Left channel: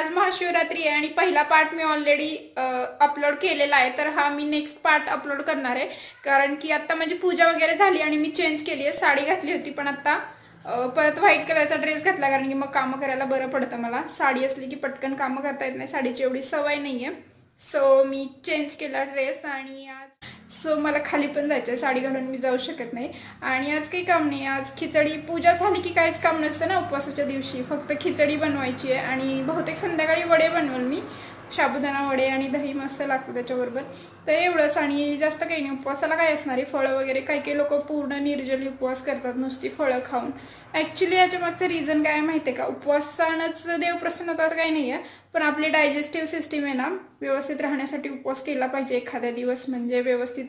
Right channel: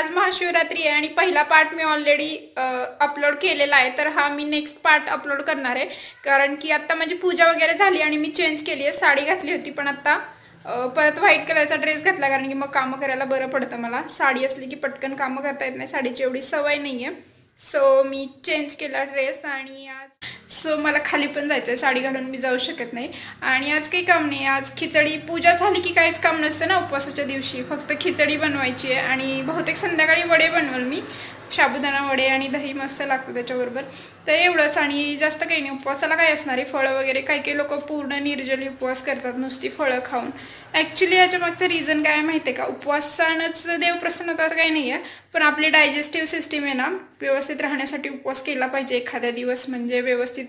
आज महाशिवरात्री आहे आणि पहिला पार्ट मी ऑलरेडी अपलोड केलेला आहे, तर हा मी नेक्स्ट पार्ट अपलोड करणार आहे. कारण की आता माझी पूजा वगैरे झाली आणि मी चेंज केली आहे. साडी घातली होती पण आता परत व्हाईट कलरचा ड्रेस घातला, कारण की मग कामं करायला बरं पडतं. मला साडी असली की पटकन कामं करता येत नाही, साडीची एवढी सवय नाही आहे. सो मी चेंज केला ड्रेस आणि आज मला खाली पण जायचं आहे, साडी घालून मी जाऊ शकत नाही. आणि आज काही काम नाही, आज खिचडी. पूजा झाली की काहीच काम नसतं ना उपवासाच्या दिवशी, फक्त खिचडी बनवायची आहे आणि बहुतेक संध्याकाळी वडे बनवल मी, साबुदाणा वडे आणि दही मस्त लागतं त्याच्याबरोबर. तर एवढंच आणि जास्त काही नाही. उपवासाला काय असणार आहे, फळं वगैरे. काही लोक पूर्ण निर्जली उपवास करतात नुसती फळं खाऊन. ॲक्च्युली याच्या मागचं रिझन काय माहिती आहे का, उपवासानंच देव प्रसन्न होतं असं काही नाही आहे, पण आपली डायजेस्टिव्ह सिस्टीम आहे ना व्यवस्थित राहण्यासाठी उपवास केला पाहिजे एखाद्या दिवस, म्हणजे व्यवस्थित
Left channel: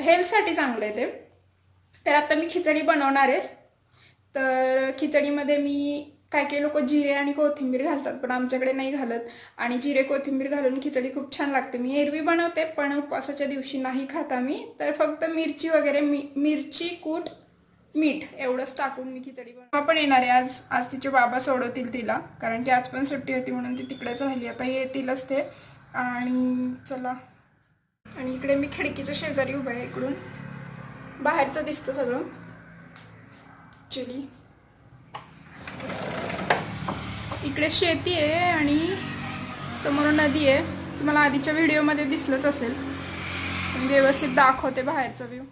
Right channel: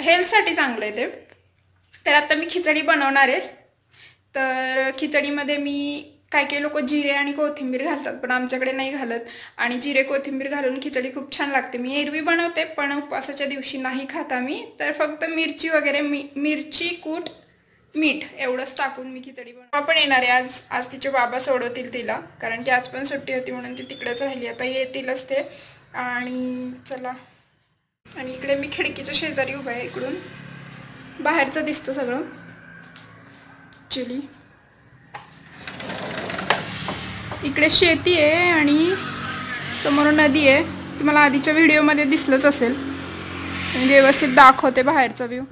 हेल्थसाठी चांगलं आहे ते. तर आता मी खिचडी बनवणार आहे. तर खिचडीमध्ये मी काही लोक जिरे आणि कोथिंबीर घालतात, पण आमच्याकडे नाही घालत. आणि जिरे कोथिंबीर घालून खिचडी खूप छान लागते. मी एरवी बनवते पण उपवासाच्या दिवशी नाही खाता मी. तर फक्त मिरची वगैरे, मिरची, कूट, मीठ एवढंच टाकून मी खिचडी बनवते. पण येणार आहे आज तिचे बाबा सोडवतील तिला, कारण की आज पण सुट्टी होती म्हणून ती तिकडेच राहिली. आता येतीलच ते. आणि चला, आणि इकडे मी खिडकीच्या शेजारी उभा आहे, इकडून बाहेरचं दिसतं सगळं. चली, इकडे शेती आहे आणि समोर नदी आहे. तुम्हाला आधीच्या व्हिडिओमध्ये दिसलंच असेल, व्यवस्थित दाखवते बाहेरचा व्ह्यू.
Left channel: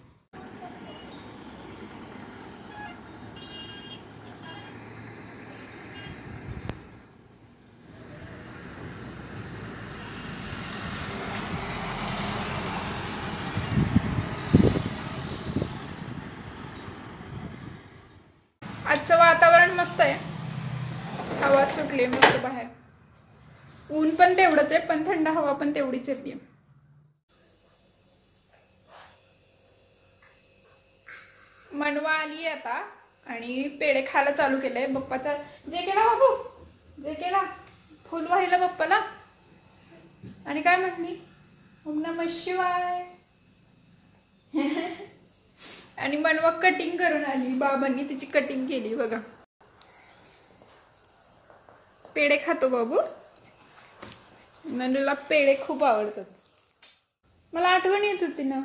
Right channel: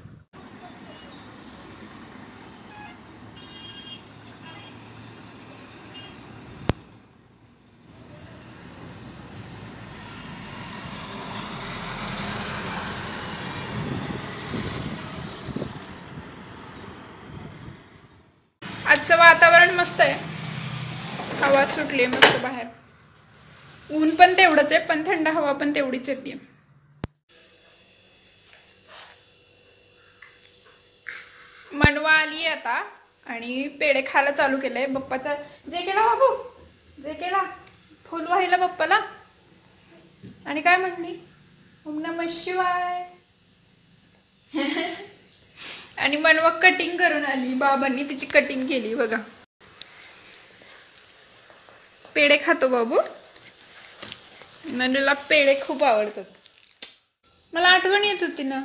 आजचं वातावरण मस्त आहे, हवा सुटली आहे मस्त बाहेर. ऊन पण तेवढंच आहे, पण थंड हवा पण तेवढीच येते. मनवा आली आता आणि पेढे खायला चालू केलंय. बाप्पाचा जे केला बाबू, जे केला फुल व्हायला बाप्पाला. आणि काय म्हटली, ओम नमः शिवाय. आणि मनवा कटिंग करून आली, बाबांनी तिची कटिंग केली बघा. पेढे खातो बाबू. मनूला पेढे खूप आवडतात. मला आठवण येत होती ना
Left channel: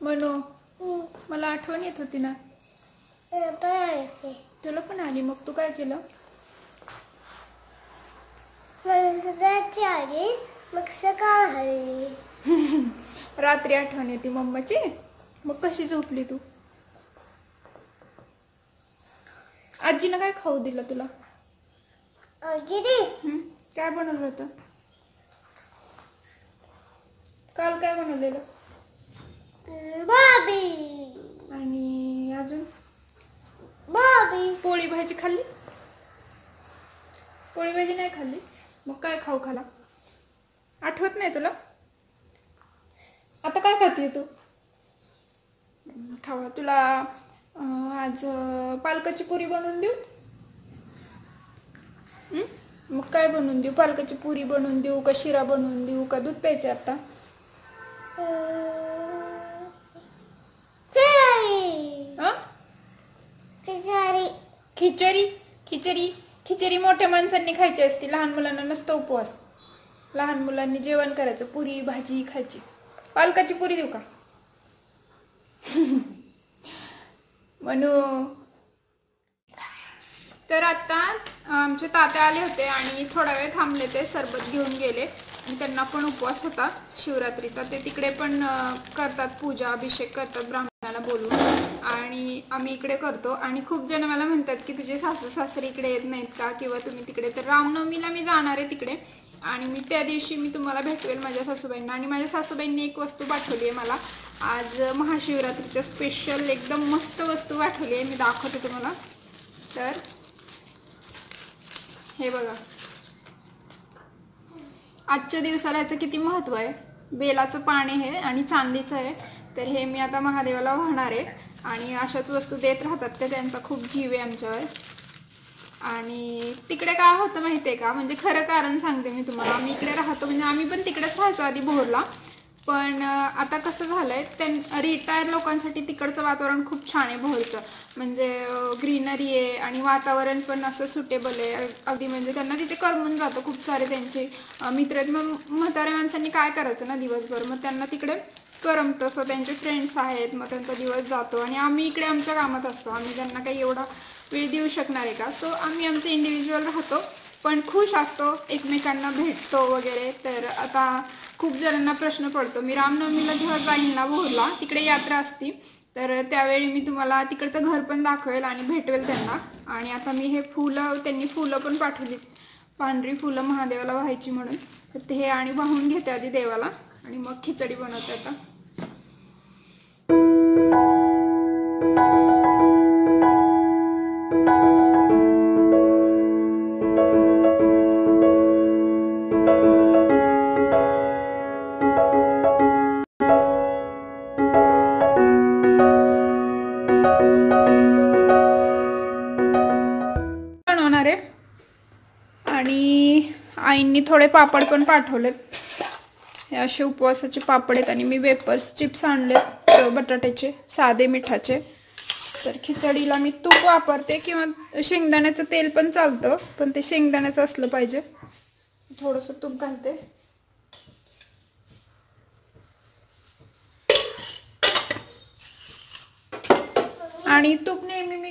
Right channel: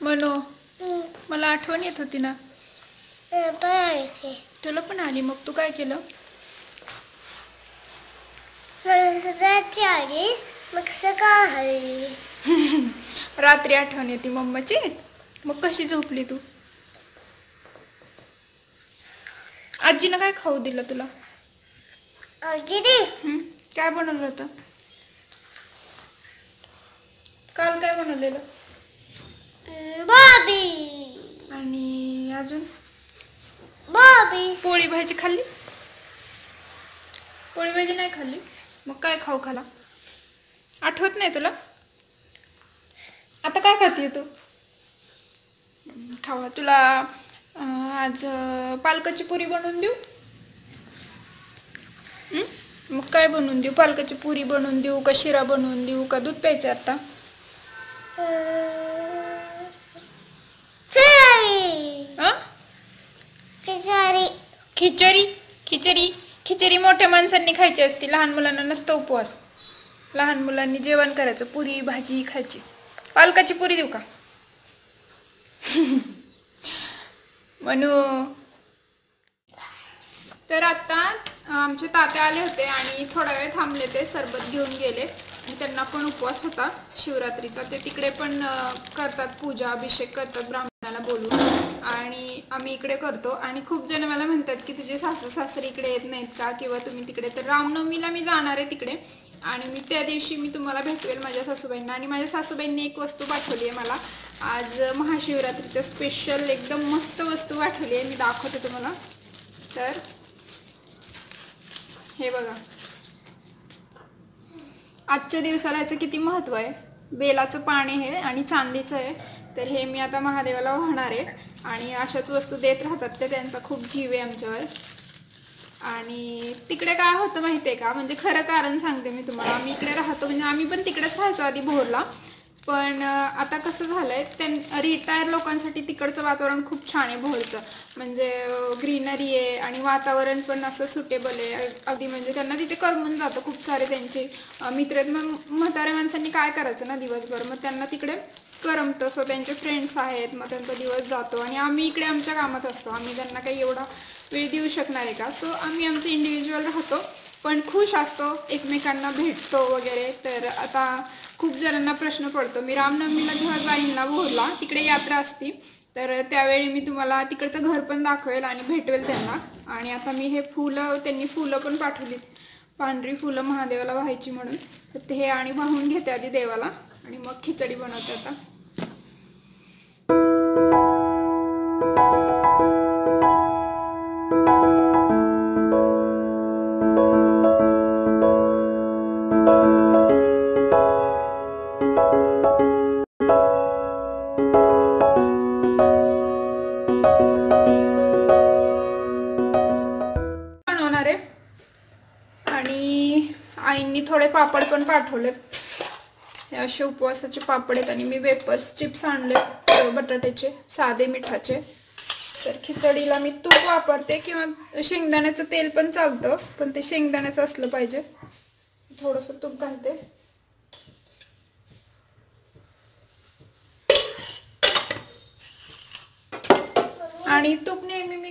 मनू, मला आठवण येत होती ना. तुला पण आली, मग तू काय केलं. मग सकाळी रात्री आठवण येते मम्माची. मग कशी झोपली तू. आजीनं काय खाऊ दिलं तुला. काय बनवलं होतं काल, काय बनवलेलं. बॉबी. आणि अजून बॉबी. पोळी भाजी खाल्ली. पोळी भाजी नाही खाल्ली, मग काय खाऊ खाला. आठवत नाही तुला. आता काय खाते तू. खावा. तुला आज पालकाची पुरी बनवून देऊ. मग काय बनवून देऊ, पालकाची पुरी बनवून देऊ का शिरा बनवून देऊ का दूध प्यायचं आता. खिचडी. खिचडी खिचडी मोठ्या माणसांनी खायची असते, लहान मुलांना नसतो उपवास. लहान मुलांनी जेवण करायचं, पुरी भाजी खायची. पालकाची पुरी देऊ का म्हणू. तर आता आमचे तात्या आले होते आणि थोडा वेळ थांबले, ते सरबत घेऊन गेले. आणि त्यांना पण उपवास होता शिवरात्रीचा. ते तिकडे पण करतात पूजा, अभिषेक करतात ब्राह्मणाला बोलून. आणि आम्ही इकडे करतो. आणि खूप जण मला म्हणतात की तुझे सासू सासरे इकडे येत नाहीत का, किंवा तुम्ही तिकडे. तर रामनवमीला मी जाणार आहे तिकडे आणि मी त्या दिवशी मी तुम्हाला भेटवेल माझ्या सासूबाईंना. आणि माझ्या सासूबाईंनी एक वस्तू पाठवली आहे मला आज महाशिवरात्रीच्या स्पेशल, एकदम मस्त वस्तू पाठवली आहे. मी दाखवते तुम्हाला. तर हे बघा, आजच्या दिवसाला याचं किती महत्त्व आहे. बेलाचं पान आहे आणि चांदीचं आहे. तर हे मी आता महादेवाला वाहणार आहे. आणि अशाच वस्तू देत राहतात ते, त्यांचा खूप जीव आहे आमच्यावर. आणि तिकडे काय होतं माहिती आहे का, म्हणजे खरं कारण सांगते मी तुम्हाला. आम्ही इकडे राहतो, म्हणजे आम्ही पण तिकडेच राहायचो आधी भोरला, पण आता कसं झालंय, रिटायर लोकांसाठी तिकडचं वातावरण खूप छान आहे भोरचं. म्हणजे ग्रीनरी आहे आणि वातावरण पण असं सुटेबल आहे अगदी. म्हणजे त्यांना तिथे करमून जातं. खूप सारे त्यांचे मित्र आहेत. मग म्हाताऱ्या माणसांनी काय करायचं ना दिवसभर, मग त्यांना तिकडे करमतं. सो त्यांचे फ्रेंड्स आहेत, मग त्यांचा दिवस जातो. आणि आम्ही इकडे आमच्या कामात असतो. आम्ही त्यांना काही एवढा वेळ देऊ शकणार आहे का? सो आम्ही आमचं इंडिव्हिज्युअल राहतो, पण खुश असतो, एकमेकांना भेटतो वगैरे. तर आता खूप जणांना प्रश्न पडतो, मी रामनवमीला जेव्हा जाईन ना भोरला, तिकडे यात्रा असती, तर त्यावेळी मी तुम्हाला तिकडचं घर पण दाखवेल आणि भेटवेल त्यांना. आणि आता मी हे फुलं, त्यांनी फुलं पण पाठवली, पांढरी फुलं महादेवाला व्हायची म्हणून. तर ते आणि वाहून घेते आधी देवाला आणि मग खिचडी बनवते आता. बनवणार आहे आणि आईंनी थोडे पापड पण पाठवलेत. हे असे उपवासाचे पापड आहेत. आणि मी वेपर्स चिप्स आणलेत बटाट्याचे, साधे मिठाचे. तर खिचडीला मी तूप वापरते किंवा शेंगदाण्याचं तेल पण चालतं, पण ते शेंगदाण्याचं असलं पाहिजे. थोडंसं तूप घालते. आणि तूप नेहमी मी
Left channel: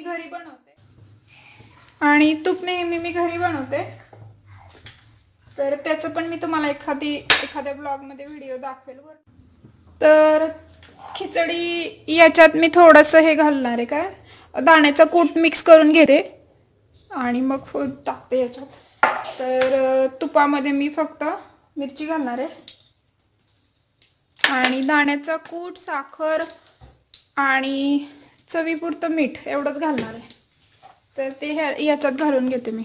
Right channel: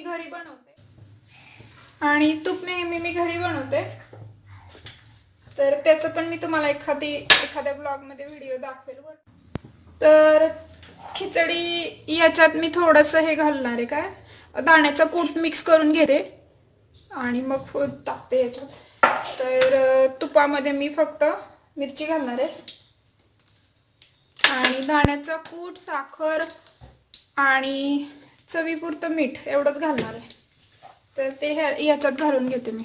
घरी बनवते. तर त्याचं पण मी तुम्हाला एखाद्या ब्लॉग मध्ये व्हिडिओ दाखवेल. तर खिचडी याच्यात मी थोडंसं हे घालणार आहे, काय दाण्याचा कूट मिक्स करून घेते आणि मग टाकते याच्यात. तर तुपामध्ये मी फक्त मिरची घालणार आहे आणि दाण्याचा कूट, साखर आणि चवीपुरतं मीठ एवढंच घालणार आहे. तर ते याच्यात घालून घेते मी.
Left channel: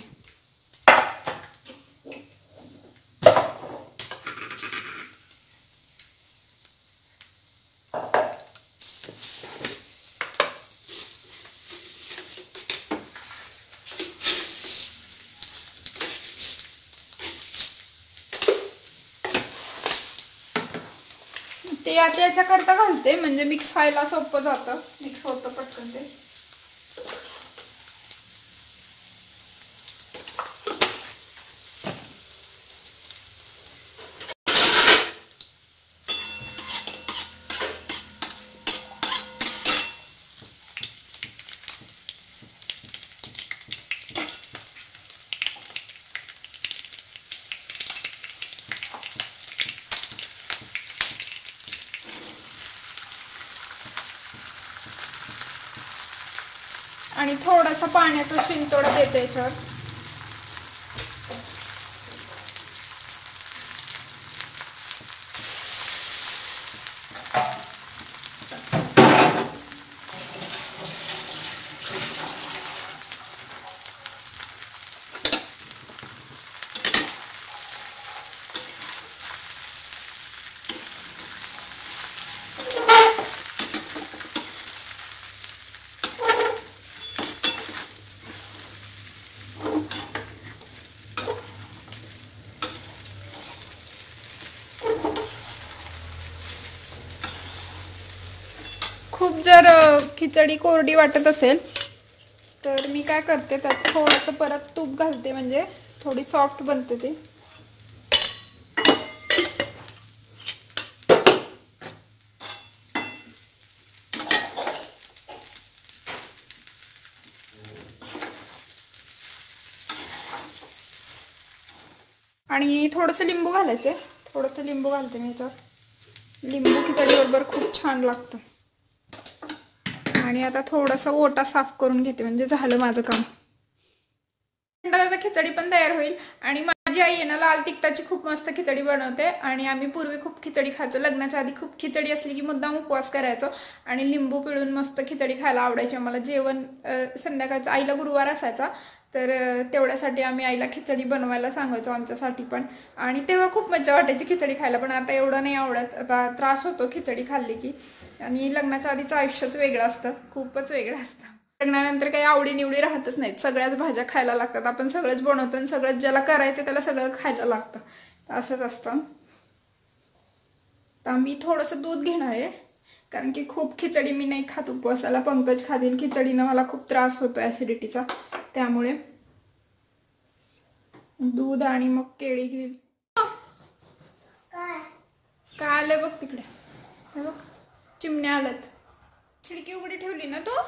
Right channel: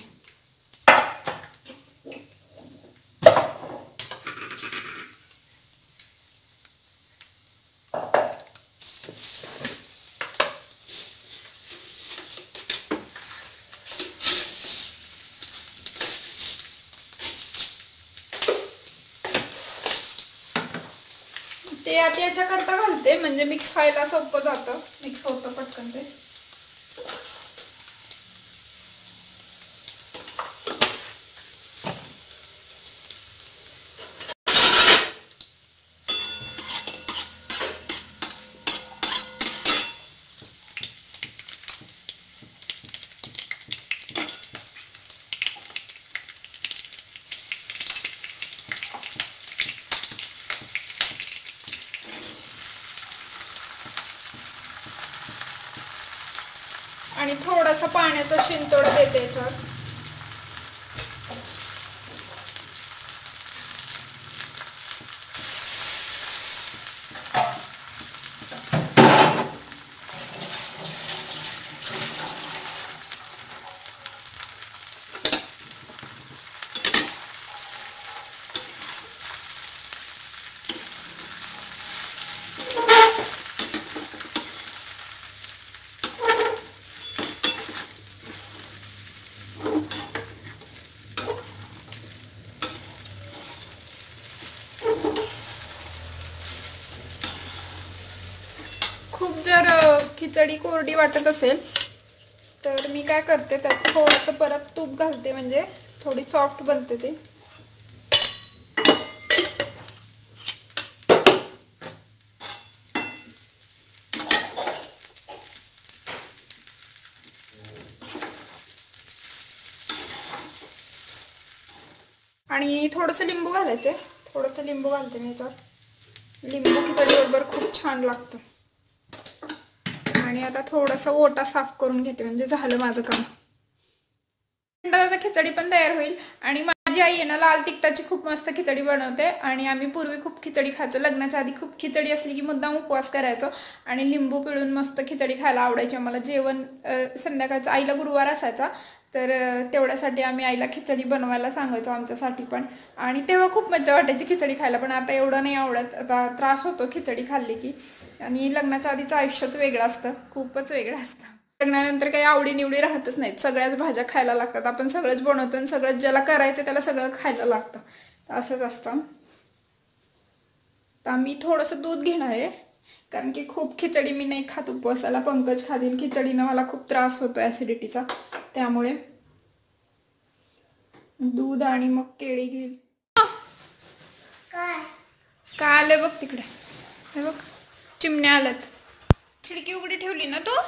ते आता याच्याकरता घालते म्हणजे मिक्स व्हायला सोपं जातं, मिक्स होतं पटकन ते. आणि थोडासा पाण्याचा शिंतोडा देते याच्यावर. खूप जर खिचडी कोरडी वाटत असेल तर मी काय करते, त्यात थोडंसं परत तूप घालते, म्हणजे थोडी सॉफ्ट बनते ती. आणि थोडंसं लिंबू घालायचं, थोडंसं लिंबू घालते मी याच्यावर. लिंबू खिचडी बरोबर खूप छान लागतं. आणि आता थोडासा ओटा साफ करून घेते, म्हणजे झालं माझं काम. आता खिचडी पण तयार होईल. आणि माझी आई आहे ना लाल तिखटाची खूप मस्त खिचडी बनवते. आणि आम्ही पूर्वी खूप खिचडी खायचो. लग्नाच्या आधी खूप खिचडी असली की मुद्दाम उपवास करायचो आणि लिंबू पिळून मस्त खिचडी खायला आवडायची आम्हाला. जेवण संध्याकाळचं आईला गुरुवार असायचा, तर तेवढ्यासाठी आम्ही आईला खिचडी बनवायला सांगायचो आमच्यासाठी पण. आणि तेव्हा खूप मजा वाटायची खिचडी खायला. पण आता एवढं नाही आवडत, आता त्रास होतो खिचडी खाल्ली की. आणि लग्नाच्या आधीचं आयुष्यच वेगळं असतं, खूपच वेगळं असतं. लग्नानंतर काही आवडी-निवडी राहतच नाहीत, सगळ्याच भाज्या खायला लागतात. आपण सगळंच बनवतो आणि सगळंच ज्याला करायचं त्याला सगळं खायला लागतं, असंच असतं. तर मी थोडंसं दूध घेणार आहे, कारण की खूप खिचडी मी नाही खात उपवासाला. पंकज खातील खिचडीनं, मला खूप त्रास होतो ॲसिडिटीचा, त्यामुळे दूध आणि मग केळी घेईल. काय आलंय बघ तिकडे, हे बघ चिमण्या आल्यात. खिडकी उघडी ठेवली ना तू?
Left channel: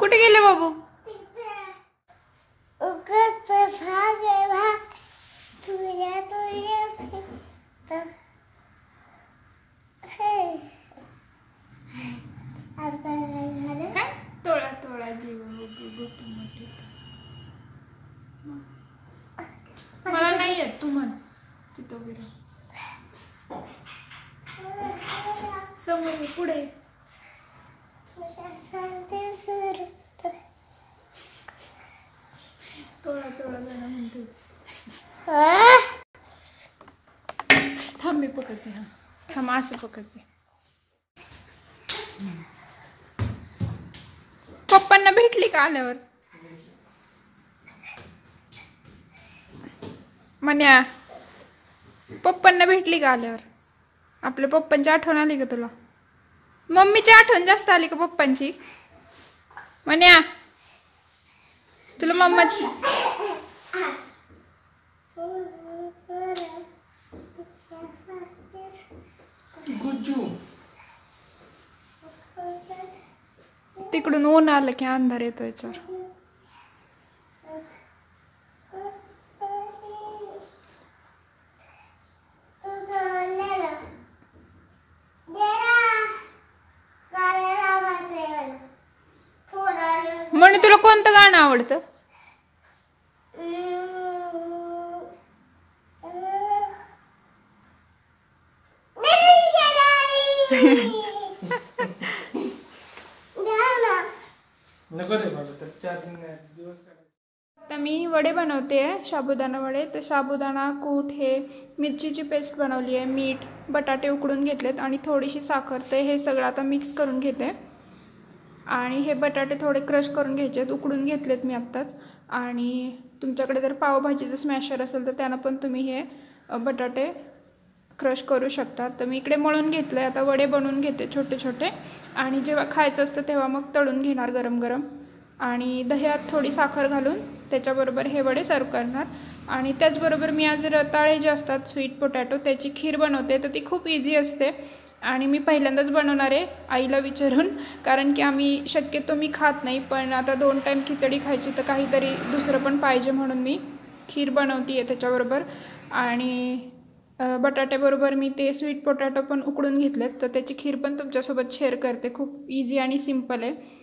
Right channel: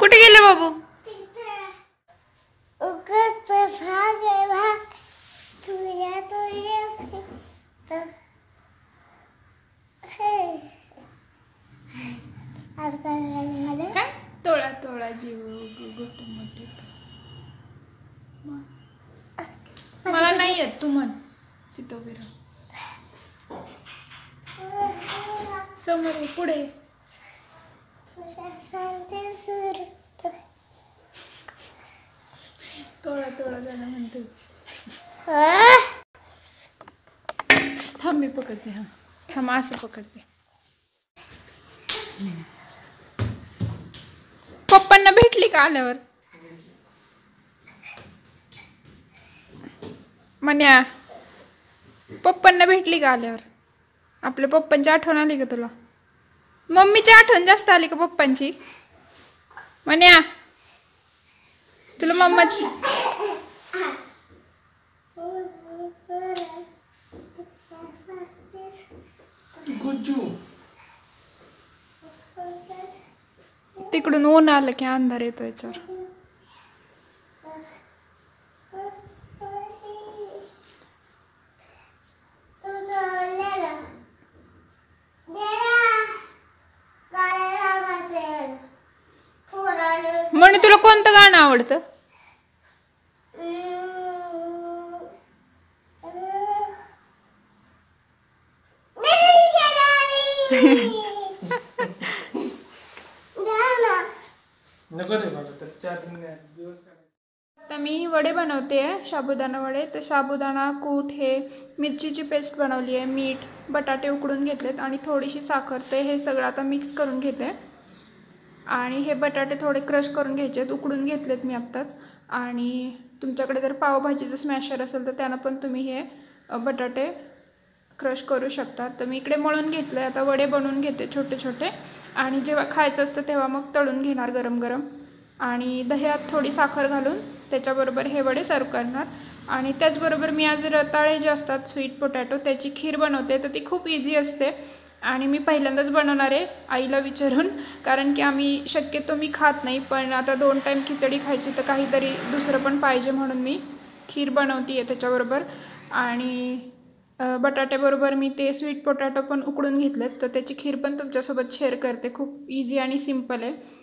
कुठे गेले बाबू? तोळा तोळा जीव मला नाही येत, तू म्हण. तिथं उभी राह. समोर पुढे. तोळा तोळा जण म्हणते. थांब मी पकडते. हा थांब, असं पकडते. पप्पांना भेटली का आल्यावर? म्हण्या पप्पांना भेटली का आल्यावर? आपल्या पप्पांची आठवण आली का तुला? मम्मीची आठवण जास्त आली का पप्पांची? म्हण्या तुला मम्माची तिकडून ऊन आलं की अंधार येतो याच्यावर. म्हणून तुला कोणतं गाणं आवडतं? आता मी वडे बनवते आहे, साबुदाणा वडे. तर साबुदाणा, कूट, हे मिरचीची पेस्ट बनवली आहे, मीठ, बटाटे उकडून घेतलेत आणि थोडीशी साखर. ते हे सगळं आता मिक्स करून घेते. आणि हे बटाटे थोडे क्रश करून घ्यायचे, उकडून घेतलेत मी आत्ताच. आणि तुमच्याकडे जर पावभाजीचं स्मॅशर असेल तर त्यानं पण तुम्ही हे बटाटे क्रश करू शकता. तर मी इकडे मळून घेतलं आहे. आता वडे बनवून घेते छोटे छोटे, आणि जेव्हा खायचं असतं तेव्हा मग तळून घेणार गरम गरम. आणि दह्यात थोडी साखर घालून त्याच्याबरोबर हे वडे सर्व करणार. आणि त्याचबरोबर मी आज रताळे जे असतात स्वीट पोटॅटो, त्याची खीर बनवते. तर ती खूप इझी असते आणि मी पहिल्यांदाच बनवणार आहे आईला विचारून, कारण की आम्ही शक्यतो मी खात नाही, पण आता 2 टाईम खिचडी खायची तर काहीतरी दुसरं पण पाहिजे म्हणून मी खीर बनवते आहे त्याच्याबरोबर. आणि बटाट्याबरोबर मी ते स्वीट पोटॅटो पण उकडून घेतलेत, तर त्याची खीर पण तुमच्यासोबत शेअर करते. खूप इझी आणि सिम्पल आहे.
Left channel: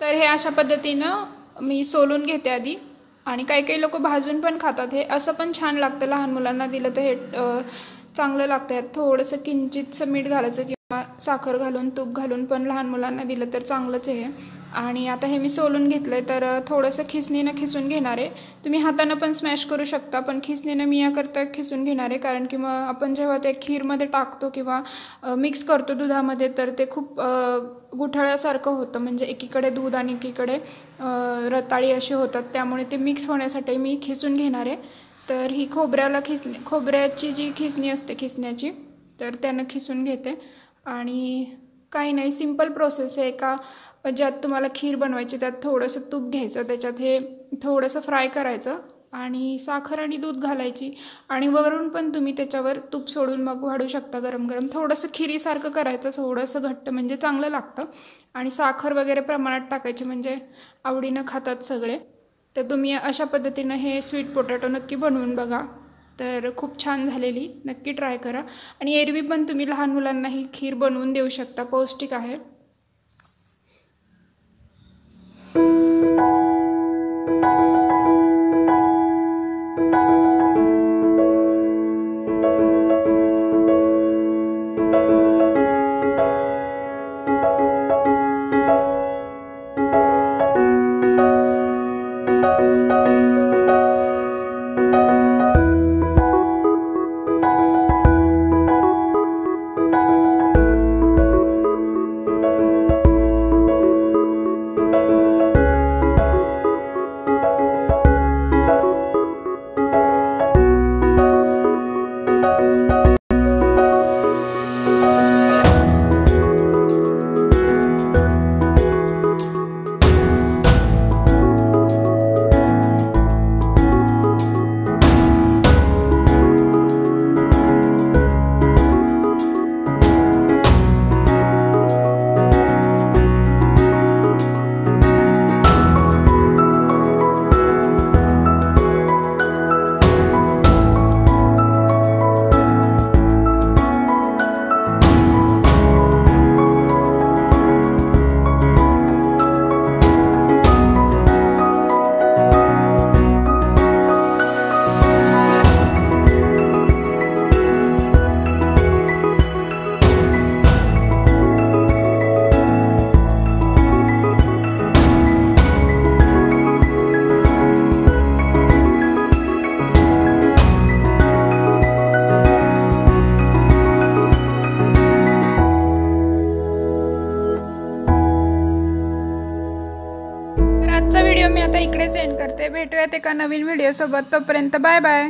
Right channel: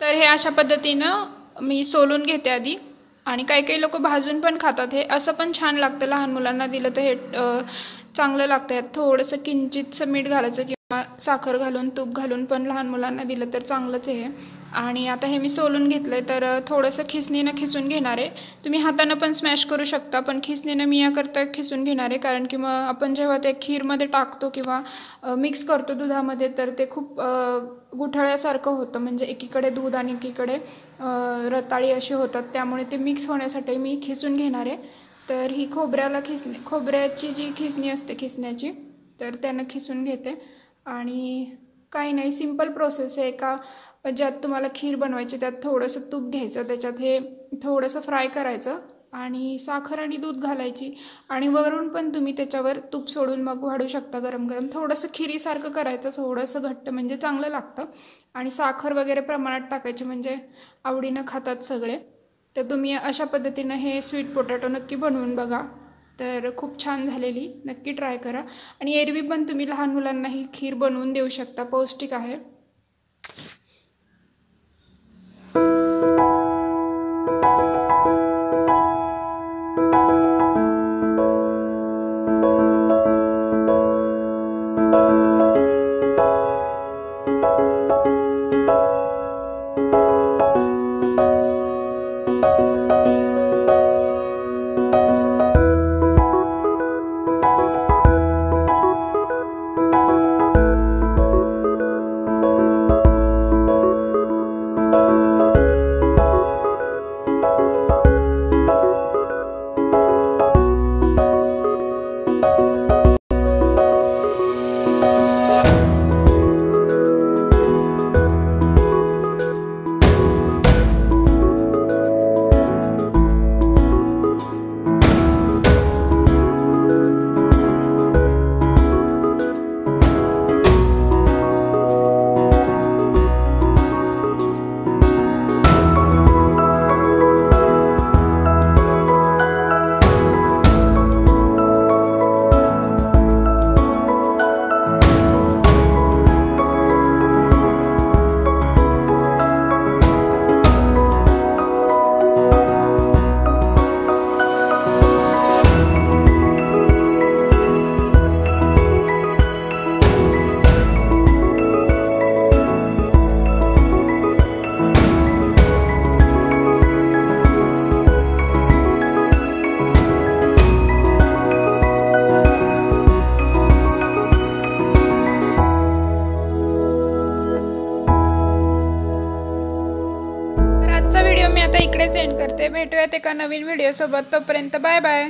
तर हे अशा पद्धतीनं मी सोलून घेते आधी. आणि काही काही लोक भाजून पण खातात. हे असं पण छान लागतं, लहान मुलांना दिलं तर हे चांगलं लागतं. यात थोडंसं किंचितचं मीठ घालायचं किंवा साखर घालून तूप घालून पण लहान मुलांना दिलं तर चांगलंच आहे. आणि आता हे मी सोलून घेतलं आहे, तर थोडंसं खिसणीनं खिसून घेणार आहे. तुम्ही हातानं पण स्मॅश करू शकता, पण खिसणीनं मी याकरता खिसून घेणार आहे, कारण की मग आपण जेव्हा ते खीरमध्ये टाकतो किंवा मिक्स करतो दुधामध्ये तर ते खूप गुठळ्यासारखं होतं, म्हणजे एकीकडे दूध आणि एकीकडे रताळी असे होतात. त्यामुळे ते मिक्स होण्यासाठी मी खिसून घेणार आहे. तर ही खोबऱ्याची जी खिसणी असते खिसण्याची, तर त्यानं खिसून घेते. आणि काही नाही, सिंपल प्रोसेस आहे. का ज्यात तुम्हाला खीर बनवायची त्यात थोडंसं तूप घ्यायचं, त्याच्यात हे थोडंसं फ्राय करायचं आणि साखर आणि दूध घालायची. आणि वरून पण तुम्ही त्याच्यावर तूप सोडून मग वाढू शकता गरम गरम. थोडंसं खिरीसारखं करायचं, थोडंसं घट्ट, म्हणजे चांगलं लागतं. आणि साखर वगैरे प्रमाणात टाकायची, म्हणजे आवडीनं खातात सगळे. तर तुम्ही अशा पद्धतीनं हे स्वीट पोटॅटो नक्की बनवून बघा. तर खूप छान झालेली, नक्की ट्राय करा. आणि एरवी पण तुम्ही लहान मुलांना ही खीर बनवून देऊ शकता, पौष्टिक आहे. आजचा व्हिडिओ मी आता इकडेच एंड करते. भेटूयात एका नवीन व्हिडिओ सोबत. तोपर्यंत बाय बाय.